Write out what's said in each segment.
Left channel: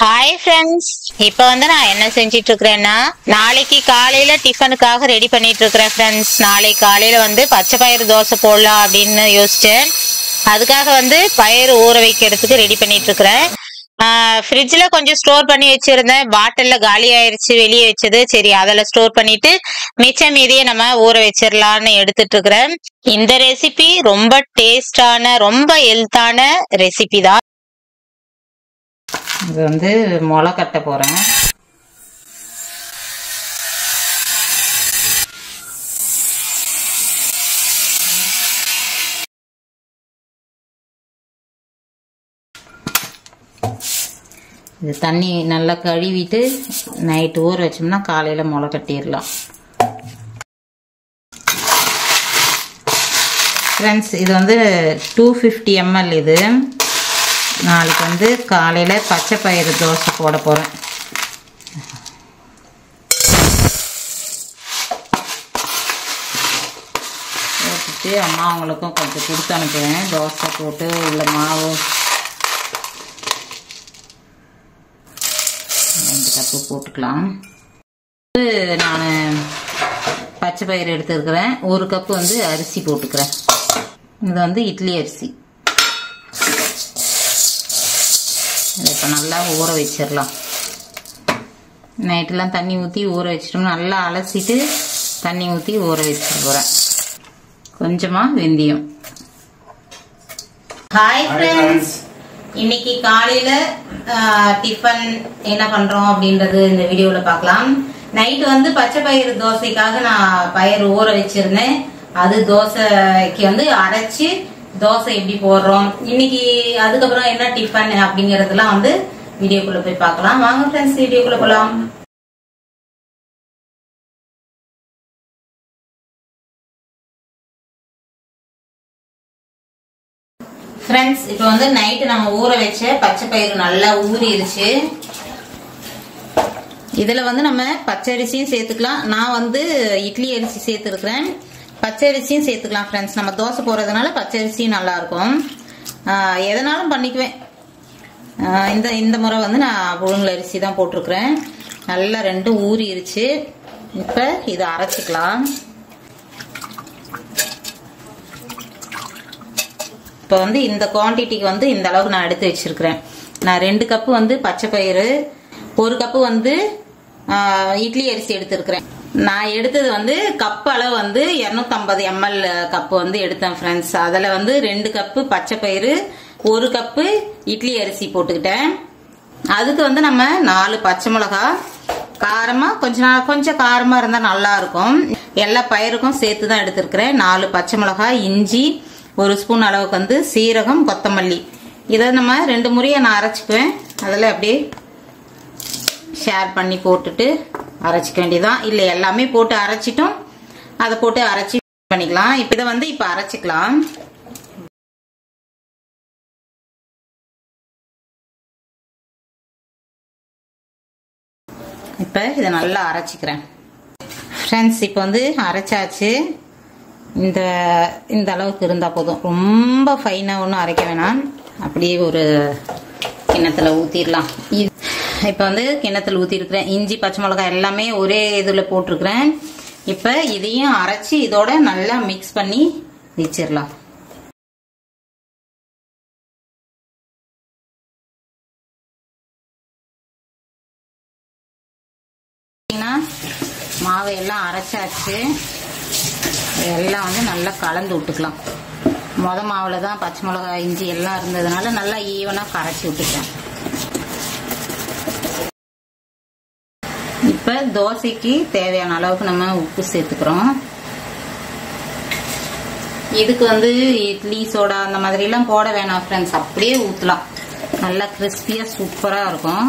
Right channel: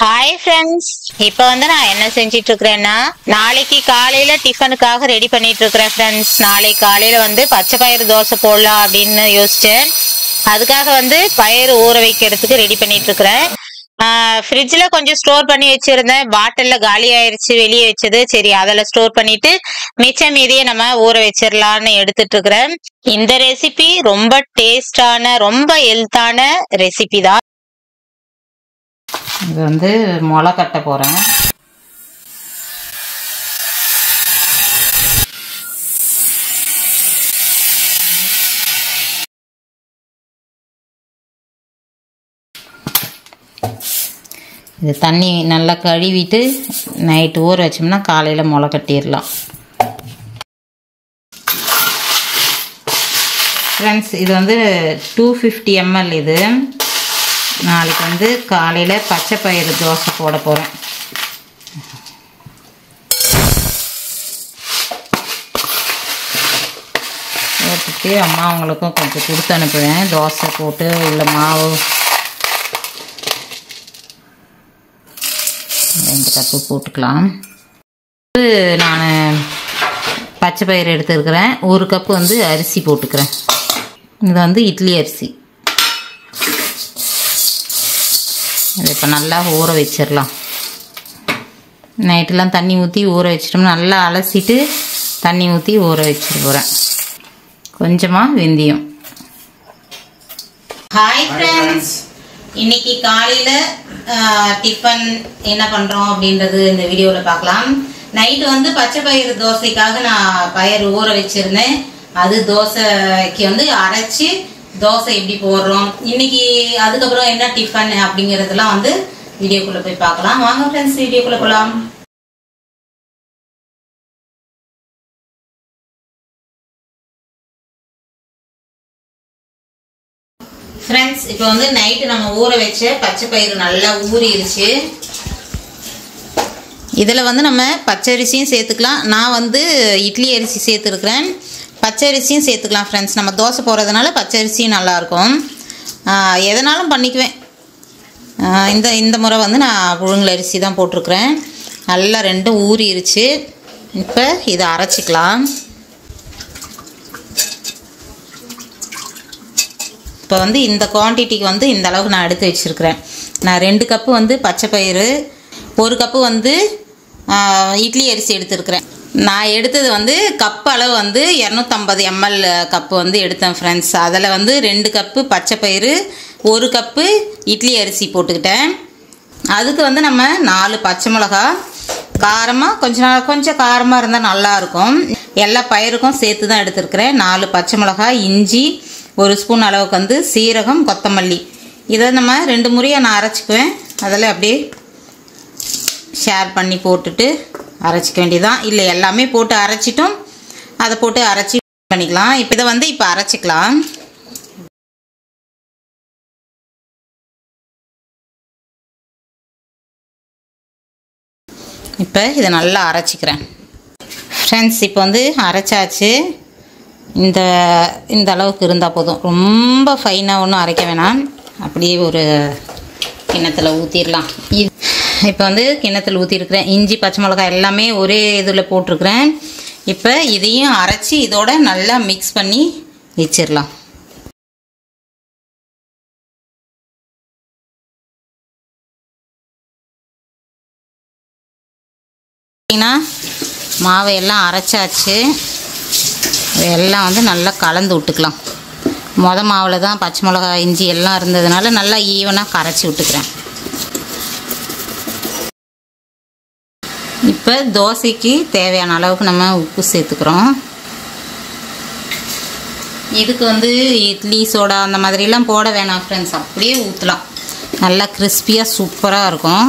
Hi friends, இப்போ நான் என்ன செஞ்சிட்டு இருக்கிறேன்னா நாளைக்கு காலையில டிஃபனுக்காக ரெடி பண்ணிட்டு இருக்கிறேன் ஃப்ரெண்ட்ஸ். நாளைக்கு காலையில பச்சை பயிறு தோசை போடலாம் அப்படின்னு யோசிச்சேன். அதுக்காக பயிறு ஊற வைக்கிறதுக்கு ரெடி பண்ணிட்டு இருக்கிறேன். ஃப்ரிட்ஜில் கொஞ்சம் ஸ்டோர் பண்ணி வச்சிருந்தேன். பாட்டில்ல காலி ஆயிடுச்சு வெளியே வச்சது. சரி, அதில் ஸ்டோர் பண்ணிட்டு மிச்சம் மீதியே நம்ம ஊற வச்சிடலான்னு எடுத்துட்டு இருக்கிறேன். இந்த ரெசிபி ரொம்ப டேஸ்டான ரொம்ப ஹெல்த்தான ரெசிபி தான். இது முளை கட்ட போகிறேன். இது தண்ணி நல்லா கழுவிட்டு நைட்டு ஊற வச்சோம்னா காலையில் முளை கட்டிடலாம். ஃப்ரெண்ட்ஸ், இது 250 ml. இது நாளைக்கு காலையில் பச்சை பயிறு தோசை போட போகிறேன். போட்டுட்டு அம்மா அவங்களுக்கும் கொஞ்சம் கொடுத்து அனுப்புவேன். தோசை போட்டு உள்ள மாவு 2 கப்பு போட்டுக்கலாம். நான் பச்சை பயிறு எடுத்துருக்கிறேன். 1 கப்பு அரிசி போட்டுக்கிறேன். இது இட்லி அரிசி. இப்போ நல்லா ஊற வச்சிடலாம். நைட்டெலாம் தண்ணி ஊற்றி ஊற வச்சிட்டோம்னா நல்லா அலசிட்டு தண்ணி ஊற்றி ஊற வச்சுட்டு போகிறேன். கொஞ்சமாக வெந்தயம். ஹாய் ஃப்ரெண்ட்ஸ், இன்னைக்கு காலையில் டிஃபன் என்ன பண்ணுறோம் அப்படின்றது இந்த வீடியோவில் பார்க்கலாம். நைட்டு பச்சை பயிறு தோசைக்காக நான் பயிறு ஊற வச்சுருந்தேன். அது தோசைக்கு அரைச்சி தோசை எப்படி போடுறோம் இன்னைக்கு, அதுக்கப்புறம் என்ன டிஃபன் அப்படிங்கறதெல்லாம் வீடியோக்குள்ள போய் பார்க்கலாம். வாங்க ஃப்ரெண்ட்ஸ், வீடியோக்குள்ள போலாம். ஃப்ரெண்ட்ஸ், இப்போ நைட்டு நம்ம ஊற வச்ச பச்சை பயிறு நல்லா ஊறிடுச்சு. இதில் நம்ம பச்சரிசியும் சேர்த்துக்கலாம். நான் இட்லி அரிசி சேர்த்துருக்கிறேன். பச்சரிசியும் சேர்த்துக்கலாம் ஃப்ரெண்ட்ஸ். நம்ம தோசை போடுறதுனால பச்சரிசியும் நல்லாயிருக்கும். எதனாலும் பண்ணிக்குவேன். இந்த முறை நான் புழுங்கல் அரிசி தான் போட்டிருக்கிறேன். நல்லா 2 ஊறிடுச்சு. இப்போ இதை அரைச்சிக்கலாம். இப்போ இந்த குவான்டிட்டிக்கு இந்த அளவுக்கு நான் எடுத்து வச்சுருக்கிறேன். நான் 2 கப்பு பச்சை பயிறு, 1 கப்பு இட்லி அரிசி எடுத்துருக்கிறேன். நான் எடுத்தது கப்பு அளவு 250 ml கப்பு எடுத்தேன் ஃப்ரெண்ட்ஸ். அதில் 2 கப்பு பச்சை பயிறு, 1 கப்பு இட்லி அரிசி போட்டுக்கிட்டேன். அதுக்கு நம்ம 4 பச்சை மிளகா, காரமாக கொஞ்சம் காரமாக இருந்தால் நல்லாயிருக்கும். எல்லா பயிருக்கும் சேர்த்து தான் எடுத்துருக்கிறேன். 4 பச்சை மிளகா, இஞ்சி 1 ஸ்பூன் அளவுக்கு சீரகம், கொத்தமல்லி. இதை நம்ம 2 முறையாக நான் அரைச்சிக்குவேன். அதில் அப்படியே ஷேர் பண்ணி போட்டுட்டு அரைச்சிக்க வேண்டியதான். இல்லை எல்லாமே போட்டு அரைச்சிட்டும் அதை போட்டு அரைச்சி பண்ணிக்கலாம். இப்போ இதை இப்போ அரைச்சிக்கலாம். இப்போ இதை நல்லா அரைச்சிக்கிறேன் ஃப்ரெண்ட்ஸ். இப்போ அரைச்சாச்சு. இந்த அளவுக்கு இருந்தால் போதும். ரொம்ப ஃபைனாக ஒன்றும் அரைக்க வேணாம். அப்படியே ஒரு கிண்ணத்தில் ஊற்றிடலாம். இப்போ கிண்ணத்தில் ஊற்றிருக்கிறேன். இஞ்சி பச்சை மிளகாய் எல்லாமே ஒரே இதில் போட்டிருக்கிறேன். இப்போ இதையும் அரைச்சி இதோட நல்லா மிக்ஸ் பண்ணி வச்சிடலாம். மாவை எல்லாம் அரைச்சாச்சு. எல்லாம் நல்லா கலந்து விட்டுக்கலாம். மாவில் தான் பச்சை மிளகாய் இஞ்சி எல்லாம் இருந்ததுனால நல்லா ஈவனாக கரைச்சி விட்டுக்கிறேன். இப்போ தோசைக்கு தேவையான அளவுக்கு நம்ம உப்பு சேர்த்துக்கிறோம். இதுக்கு இட்லி சோடா அந்த மாதிரிலாம் போட வேணாம் ஃப்ரெண்ட்ஸ். அப்படியே ஊற்றலாம். நல்லா கிறிஸ்பியாக சூப்பராக இருக்கும்.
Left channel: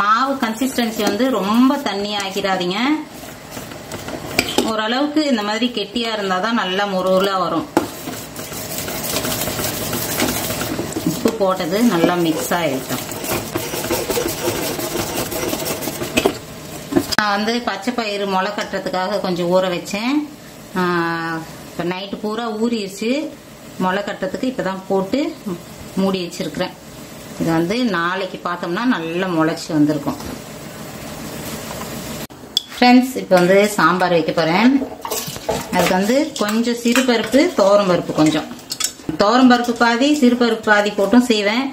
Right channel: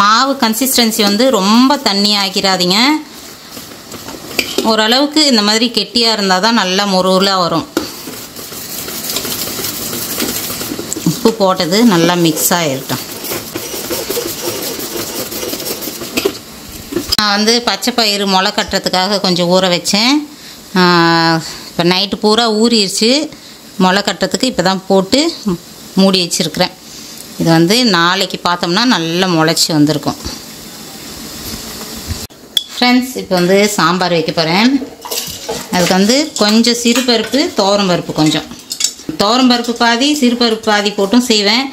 மாவு கன்சிஸ்டன்சி ரொம்ப தண்ணி ஆக்கிடாதீங்க. ஓரளவுக்கு இந்த மாதிரி கெட்டியாக இருந்தால் தான் நல்லா முருகலாக வரும். உப்பு போட்டது நல்லா மிக்ஸ் ஆகிருக்கும். நான் பச்சை பயிறு முளை கட்டுறதுக்காக கொஞ்சம் ஊற வச்சேன். இப்போ நைட்டு பூரா ஊறிடுச்சு. முளை கட்டுறதுக்கு இப்போ தான் போட்டு மூடி வச்சுருக்கிறேன். இது வந்து நாளைக்கு பார்த்தோம்னா நல்லா முளைச்சி வந்திருக்கும். ஃப்ரெண்ட்ஸ், இப்போ வந்து சாம்பார் வைக்க போகிறேன். அதுக்கு வந்து கொஞ்சம் சிறுபருப்பு, துவரம்பருப்பு, கொஞ்சம் துவரம்பருப்பு பாதி சிறுபருப்பு பாதி போட்டும் செய்வேன்.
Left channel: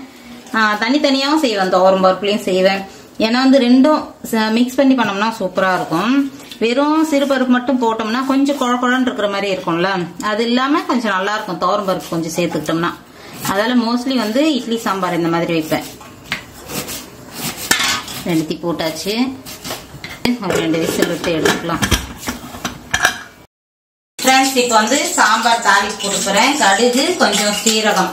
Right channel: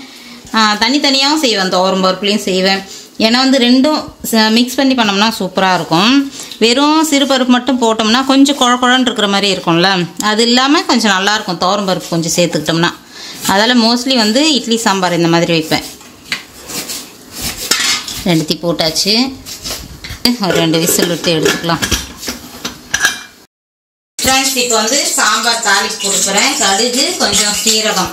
தனித்தனியாகவும் செய்வேன், துவரம்பருப்புலேயும் செய்வேன். ஏன்னா வந்து ரெண்டும் மிக்ஸ் பண்ணி பண்ணோம்னா சூப்பராக இருக்கும். வெறும் சிறுபருப்பு மட்டும் போட்டோம்னா கொஞ்சம் குழக்குழன்னு இருக்கிற மாதிரி இருக்கும்ல, அது இல்லாமல் கொஞ்சம் நல்லாயிருக்கும் துவரம்பருப்பு கொஞ்சம் சேர்த்துக்கிட்டோம்னா. அதனால் மோஸ்ட்லி வந்து இட்லி சாம்பார் இந்த மாதிரி வைப்பேன். ரெண்டுத்தையும் போட்டாச்சு. ஒரு 2 விசில் விட்டு எடுத்துக்கலாம். ஃப்ரெண்ட்ஸ், இப்போ வந்து சாம்பார் தாளிப்பு கொடுக்குறேன். கடுகு, கொஞ்சம் சீரகம்,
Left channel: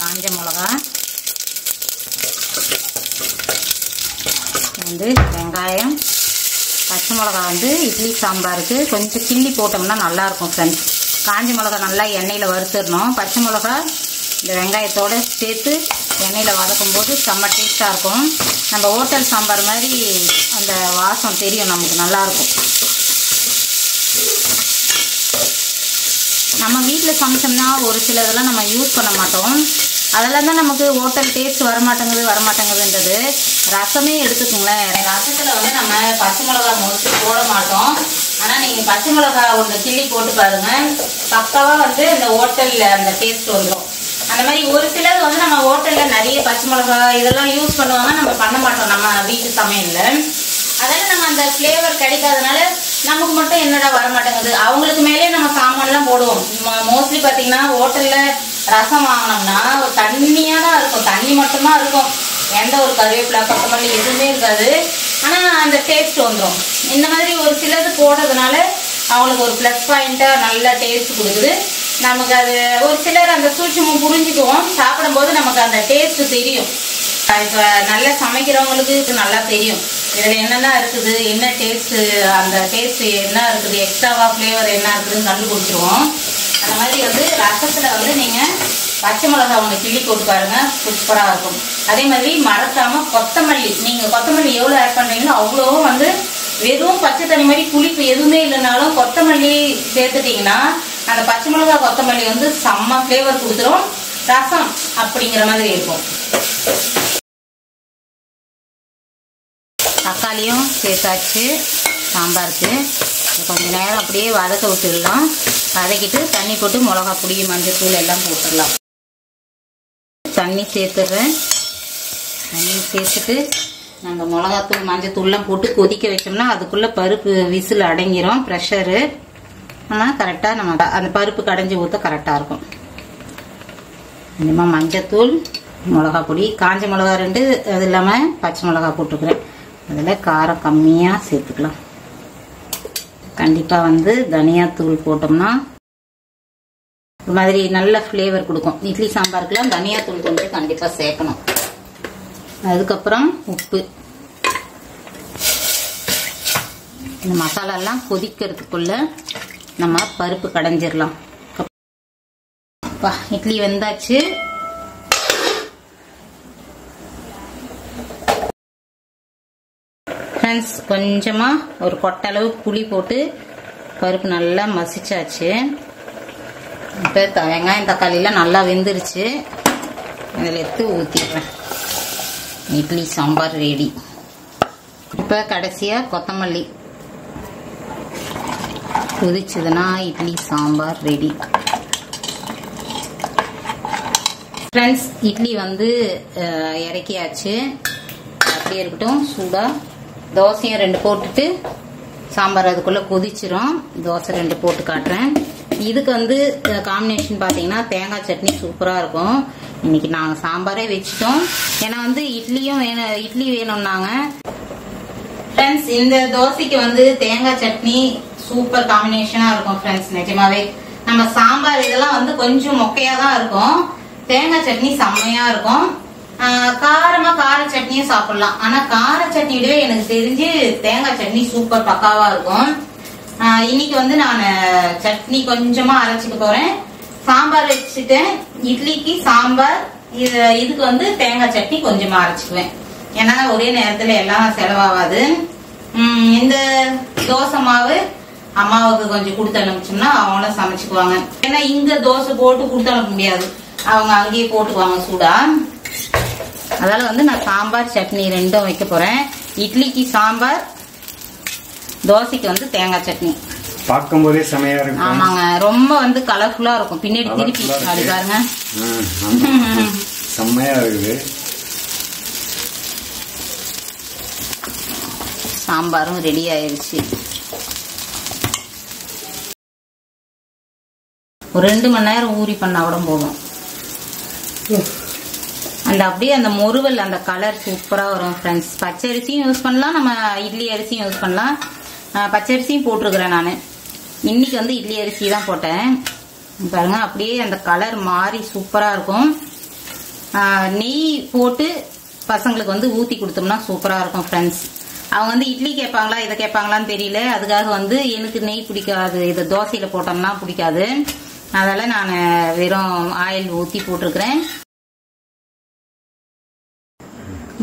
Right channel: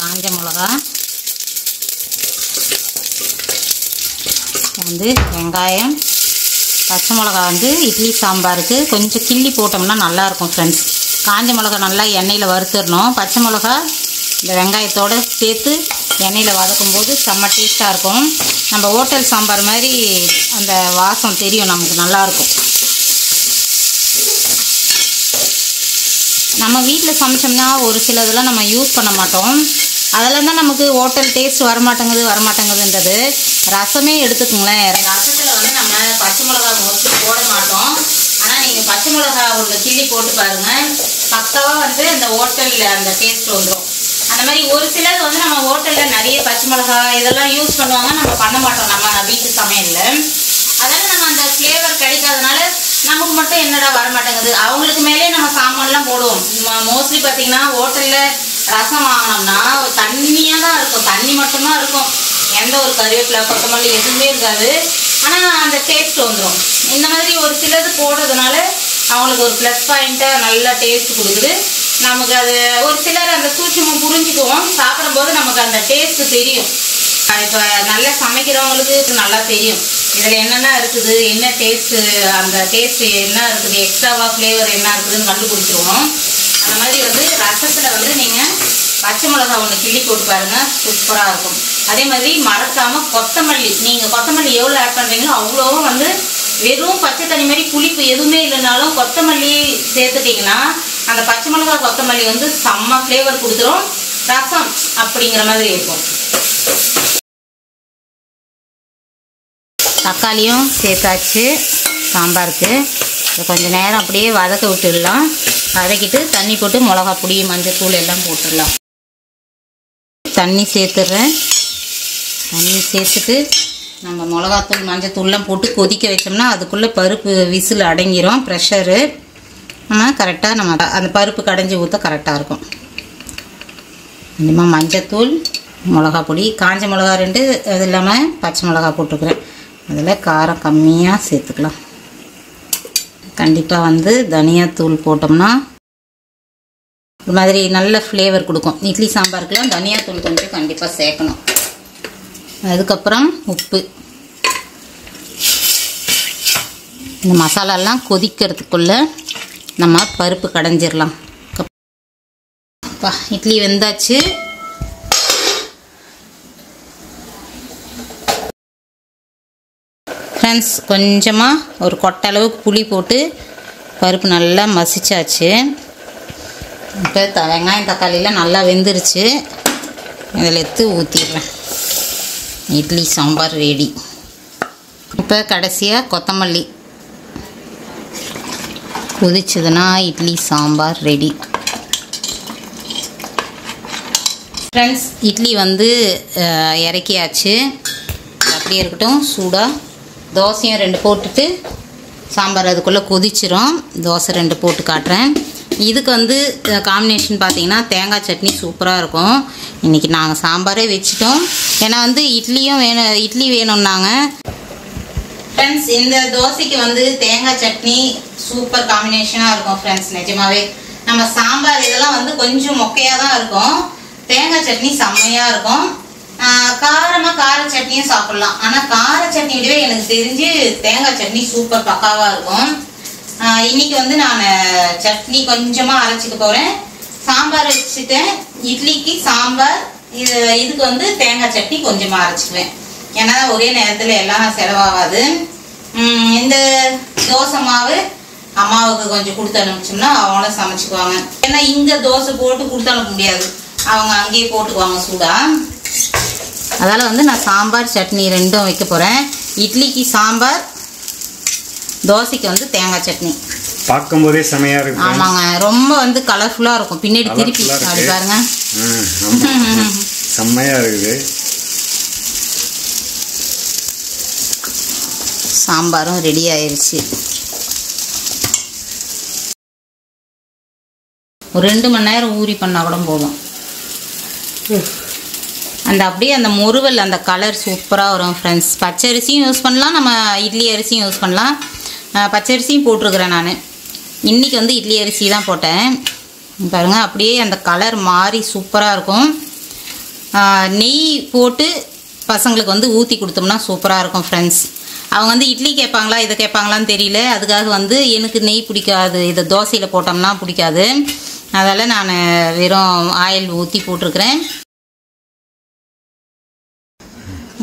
காஞ்ச மிளகா, வந்து வெங்காயம், பச்சை மிளகா. வந்து இட்லி சாம்பாருக்கு கொஞ்சம் கிள்ளி போட்டோம்னா நல்லாயிருக்கும் ஃப்ரெண்ட்ஸ். காஞ்ச மிளகா நல்லா எண்ணெயில் வறுத்துடணும். பச்சை மிளகா இந்த வெங்காயத்தோடு சேர்த்து எண்ணெயில் வதக்கும் போது செம்ம டேஸ்ட்டாக இருக்கும். நம்ம ஹோட்டல் சாம்பார் மாதிரி அந்த வாசம் தெரியும், நமக்கு நல்லாயிருக்கும். நம்ம வீட்டில் சமைச்சோம்னா ஒரு சிலதெல்லாம் நம்ம யூஸ் பண்ண மாட்டோம். அதெல்லாம் தான் நமக்கு ஹோட்டல் டேஸ்ட் வரமாட்டேங்குதுன்றது. ரசமே எடுத்துக்கோங்களேன். ரசத்தில் வந்து நம்ம பச்சை மிளகா மோஸ்ட்லி போட மாட்டோம். ஆனால் நீங்கள் பச்சை மிளகா ஒன்று கிள்ளி போட்டு பாருங்கள், பக்காவாக வந்து அந்த ஹோட்டலில் அந்த டேஸ்ட் வந்துடும். அந்த மாதிரி ஒரு சிலர் வந்து நம்ம ஹோட்டலில் நிறைய பச்சை மிளகா இதெல்லாம் யூஸ் பண்ணுவாங்க, நம்ம பண்ண மாட்டோம் நம்ம வீட்டு சமையலில். அதெல்லாம் நம்ம அந்த ஃப்ளேவர் கிடைக்காதனால நமக்கு மட்டும் என்னடா வரமாட்டேங்குது. அவங்களுக்கு மேலே நம்ம சாமான்லாம் போடுவோம். மோஸ்ட்லி பார்த்தீங்கன்னா ஹோட்டலில் ரசம் வாங்கினோம்னா ஒரு தண்ணியாக தான் இருக்கும், தண்ணி மட்டும்தான் இருக்கும். எந்த ஒரு கருவேப்பிலை, கொத்தமல்லி எதுவுமே இருக்காது. ஆனால் அந்த டேஸ்ட் வந்துடும். இந்த மாதிரி ஒரு சிலது போடுறதுனால அவங்களுக்கு ஒரு ப்ளஸ் பாயிண்ட்டாக நல்ல டேஸ்ட் கொடுக்குது. நமக்கு அது ஒரு சிலர் அந்த சூட்சமும் புரிஞ்சுக்குவோம். சாப்பிடும்போது நமக்கு அந்த டேஸ்ட் தெரியும். இப்போ நல்லா சமைக்கிறவங்களுக்கு நல்லா தெரியும் இதில் என்னென்ன இருக்குது, என்ன டேஸ்ட்டு, அந்த டேஸ்ட்டு என்ன இருக்குது, எக்ஸ்ட்ராவாக ஃப்ளேவர் என்ன இருக்குதுன்னு கண்டுபிடிச்சிருவோம். அந்த மாதிரி வந்து ரசத்தில் வந்து நீங்கள் பச்சை மிளகா ஒன்று கிள்ளி போட்டு பாருங்கள், சூப்பராக இருக்கும். அதே மாதிரி மறக்காமல் கொத்தமல்லி, நீங்கள் கொத்தமல்லி எவ்வளோ ஆட் பண்ணுறீங்களோ அவ்வளோவும் வந்து வெறும் பச்சை தண்ணி மாதிரி புளிப்பு எதுவுமே இல்லைனாலும் கொத்தமல்லி சேர்த்துட்டிங்கன்னா அந்த பச்சை மிளகா கொத்தமல்லி வந்து செம்ம ஃப்ளேவர் கொடுத்துரும். ரசம் அப்படிங்கிற மாதிரி இருக்கும். தக்காளியும் சேர்த்தாச்சு சாம்பாருக்கு. கொஞ்சம் நேரம் அப்படியே வதக்க விட்டுடலாம். வதக்கிட்டு தண்ணி போட்டு மிளகா பொடி, மஞ்சள் தூள் எல்லாம் போட்டுடலாம். தண்ணி சேர்த்துடுறேன். தண்ணி சேர்த்துட்டு நம்ம மிளகாத்தூள், மஞ்சள் தூள்லாம் போட்டு கொதிக்க வச்சோம்னா அதுக்குள்ளே பருப்பு விசில் அடங்கிரும். ப்ரெஷரு ஆனால் கரெக்டாக நம்ம அந்த பருப்பு கடைஞ்சி ஊற்ற கரெக்டாக இருக்கும். கொஞ்சமாக மஞ்சத்தூள், மிளகா பொடி, காஞ்ச மிளகா 2, அது இல்லாமல் பச்சை மிளகா போட்டுக்கிறேன். அதில் காரம் கம்மியாக சேர்த்துக்கலாம். கண்டிப்பாக வந்து தனியாத்தூள் போட்டோம்னா இது மாதிரி நல்ல ஃப்ளேவர் கொடுக்கும். இட்லி சாம்பாருக்குலாம் தனியாத்தூள் கொஞ்சம் கண்டிப்பாக சேர்க்கணும். அதுக்கப்புறம் உப்பு. இந்த மசாலாலாம் கொதிக்கிறதுக்குள்ளே நம்ம பருப்பு கடைஞ்சிடலாம். இட்லி வெந்தாச்சு. ஃப்ரெண்ட்ஸ், கொஞ்சமாக ஒரு கொட்டை அளவுக்கு புளி போட்டு பருப்பு நல்லா மசிச்சாச்சு. இப்போ வெங்காயம் தக்காளிலாம் நல்லா வெந்துருச்சு. இதில் எடுத்து ஊற்றிடுறேன். இட்லி சாம்பார் ரெடி. இப்போ கடைசியாக கொத்தமல்லி கொதிச்சதுன்னா இட்லி சாம்பார் ரெடி. ஃப்ரெண்ட்ஸ், இட்லி வந்து இறக்கியாச்சு. அப்படியே இருக்கட்டும். சூடாக தோசையும் 2 போட்டுட்டு சாம்பார் அதுக்குள்ளே கொதிச்சிரும். தோசை 2 போட்டு காட்டுறேன். இதுக்கு வந்து காம்பினேஷன் பார்த்தீங்கன்னா தேங்காய் சட்னி சூப்பராக இருக்கும். இன்றைக்கி நாங்கள் சாம்பாரே வச்சுட்டோம். ஏன்னா வந்து இட்லி வேணும்னாங்க. ஃப்ரெண்ட்ஸ், இந்த தோசைக்கு வந்து தேங்காய் சட்னி சூப்பர் காம்பினேஷனாக இருக்கும் ஃப்ரெண்ட்ஸ். நிஜமாவே நம்ம சாம்பார் இதெல்லாம் வந்து கொஞ்சம் மொக்கையாக தான் இருக்கும். தேங்காய் சட்னி செம்மையாக இருக்கும். காரமாக கார சட்னியும் சாப்பிட்லாம். ஆனால் கார சட்னி விடவே எனக்கு தெரிஞ்சு தேங்காய் சட்னி சூப்பர் பக்காவாக இருக்கும். இன்னைக்கு வந்து நான் சட்னி கொஞ்சமாக அரைச்சிக்க போகிறேன். சாம்பார் வச்சுட்டேன். இட்லிக்கு சாம்பார், இதுக்கு வந்து தேங்காய் சட்னி கொஞ்சமாக அரைச்சிக்குவேன். ஏன்னா ஒரே நேரத்தில் எல்லாம் செலவாகாது. இந்த தோசை மாவு அம்மாவுக்கு கொஞ்சம் கொடுத்து அனுப்பிச்சோம்னா அவங்களும் சமைச்சுக்குவாங்க. ஏன்னா இங்கே தோசை போட்டு கொடுத்து அனுப்ப முடியாது, அவங்க அங்கேயே போட்டுக்குவாங்க சூடா. அதால் வந்து நான் சாம்பார் சட்னி ரெண்டும் வைக்க போகிறேன். இட்லிக்கு சாம்பார், தோசைக்கு வந்து தேங்காய் சட்னி. பார்க்கும்போதே செமையா இருக்கு. ஆமாங்க, ரொம்ப வந்து கலர்ஃபுல்லாக இருக்கும். பின்னாடி திருப்பி அப்படி பாருங்க, செம்மையா இருக்குது. சாம்பாரும் ரெடி ஆயிருச்சு. ஒரு 2 மணி நேரம் ஊறி பண்ணா கூட போதும். அந்த அப்படியே அந்த முறுவல் அந்த கலர் சூப்பராக வரும் ஃப்ரெண்ட்ஸ். பச்சை அரிசியும் யூஸ் பண்ணலாம், நம்ம இட்லி அரிசியும் யூஸ் பண்ணலாம். பச்சை அரிசியும் போட்டிருக்கிறேன் நான். இன்றைக்கி வந்து இட்லி அரிசி தான் போட்டேன். பாருங்கள், அப்படியே அந்த கலர் மாறி சூப்பராக இருக்கும். நெய் போட்டு பசங்களுக்கு வந்து ஊற்றி கொடுத்தோம்னா சூப்பராக இருக்கும் ஃப்ரெண்ட்ஸ். அவங்க வந்து இட்லி கேட்பாங்களா இதை கேட்பாங்களான்னு தெரியல, அதுக்காக வந்து எனக்கு நெய் பிடிக்காது, இதை தோசையில் போட்டோம்னா பிடிக்காது. அதால் நான் வெறும் ஆயில் ஊற்றி போட்டிருக்கிறேன்.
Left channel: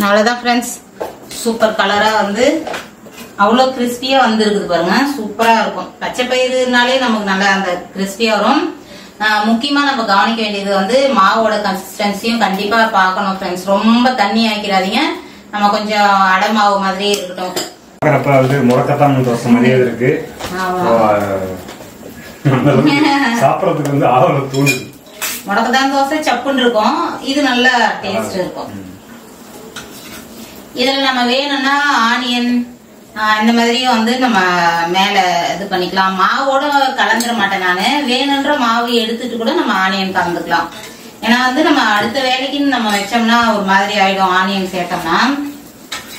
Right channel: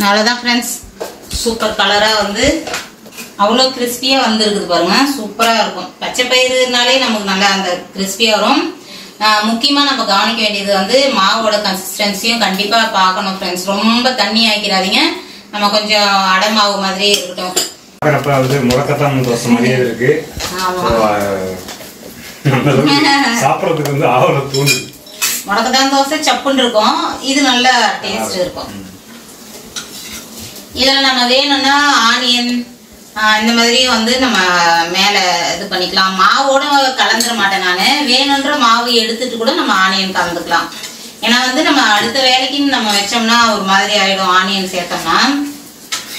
அவ்வளோதான் ஃப்ரெண்ட்ஸ், சூப்பர் கலராக வந்து அவ்வளோ கிறிஸ்பியாக வந்துருக்குது பாருங்கள், சூப்பராக இருக்கும். பச்சை பயிறுனாலே நமக்கு நல்லா அந்த கிறிஸ்பியாக வரும். முக்கியமாக நம்ம கவனிக்க வேண்டியது வந்து மாவோட கன்சிஸ்டன்சியும் கண்டிப்பாக பார்க்கணும் ஃப்ரெண்ட்ஸ். ரொம்ப தண்ணி ஆக்கிடாதீங்க, நம்ம கொஞ்சம் அடை மாவு மாதிரியே இருக்கட்டும். முடக்கத்தான் தோசை மாதிரியே இருக்கு. சாப்பிட்றதுக்கு வந்து ஆவல தூண்டு. முடக்கத்தான் தோசை சப்புன்னு இருக்கும், இது நல்ல டேஸ்ட் இருக்கும். இதில் நம்ம வேணும்னா ஆனியன் இந்த மாதிரியும் வந்து நம்ம மேலே இது பண்ணிக்கலாம். மாவோட கலந்துட மாட்டேன் நான், வேணுன்ற மாவு எடுத்துட்டு கூட நம்ம ஆனியன் கலந்துக்கலாம். ஏன்னா வந்து நம்ம அடுத்த வேலைக்குன்னு நம்ம வச்சோம்னா ஒரு மாதிரி ஆகிடும். ஆனியன் சேர்த்தோம்னா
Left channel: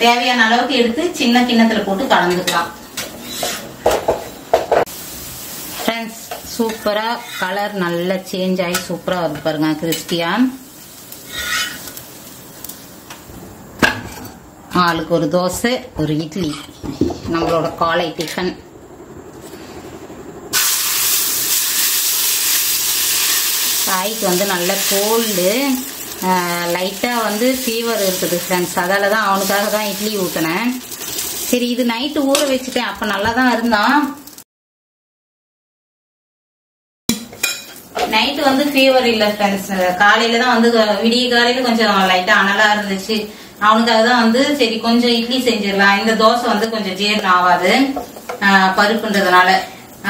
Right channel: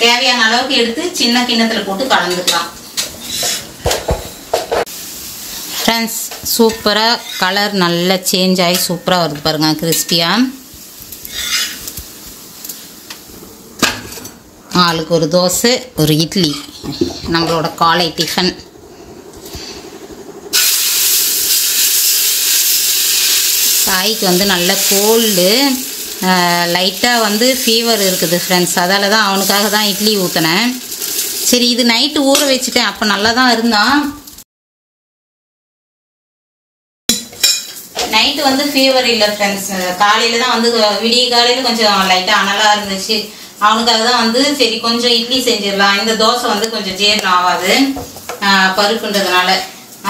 தேவையான அளவுக்கு எடுத்து சின்ன கிண்ணத்தில் போட்டு கலந்துக்கலாம். ஃப்ரெண்ட்ஸ், சூப்பராக கலர் நல்லா சேஞ்ச் ஆகி சூப்பராக வருது பாருங்கள், கிறிஸ்பியாக. ஆளுக்கு ஒரு தோசை, ஒரு இட்லி, நம்மளோட காலை டிஃபன். தாய்க்கு வந்து நல்ல கோல்டு, லைட்டாக வந்து ஃபீவர் இருக்குது ஃப்ரெண்ட்ஸ். அதால் தான் அவனுக்காக தான் இட்லி ஊற்றினேன். சரி, இது நைட்டு ஊற வச்சுட்டேன், அப்போ நல்லா தான் இருந்தான். நைட்டு வந்து ஃபீவர் இல்லை ஃப்ரெண்ட்ஸ், காலையில் தான் வந்து விடிய காலையில் கொஞ்சம் லைட்டாக அனலாக இருந்துச்சு. அவனுக்காக தான் வந்து சரி கொஞ்சம் இட்லி செஞ்சிடலாம். இந்த தோசை வந்து கொஞ்சம் ஜீரணம் ஆகாது பருப்புன்றதுனால,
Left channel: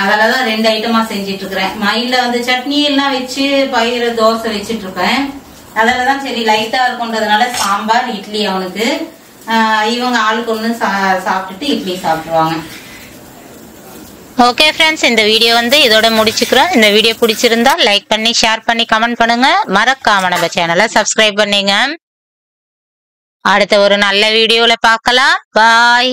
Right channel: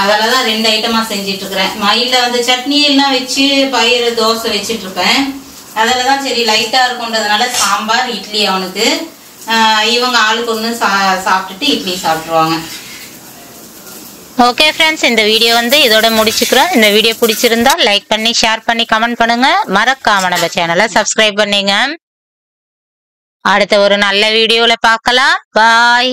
அதில் தான் 2 ஐட்டமாக செஞ்சிட்ருக்கிறேன். மயிலில் வந்து சட்னி எல்லாம் வச்சு பயிறு தோசை வச்சிட்ருப்பேன். அதில் தான் சரி லைட்டாக இருக்குன்றதுனால சாம்பார் இட்லி அவனுக்கு. இவங்க ஆளுக்கு ஒன்று சாப்பிட்டுட்டு இட்லி சாப்பிட்ருவாங்க. ஓகே ஃப்ரெண்ட்ஸ், இந்த வீடியோ வந்து இதோட முடிச்சுக்கிறோம். இந்த வீடியோ பிடிச்சிருந்தா லைக் பண்ணி ஷேர் பண்ணி கமெண்ட் பண்ணுங்க. மறக்காம நம்ம சேனலை சப்ஸ்கிரைப் பண்ணுங்க. அடுத்த ஒரு நல்ல வீடியோல பார்க்கலாம். பாய்.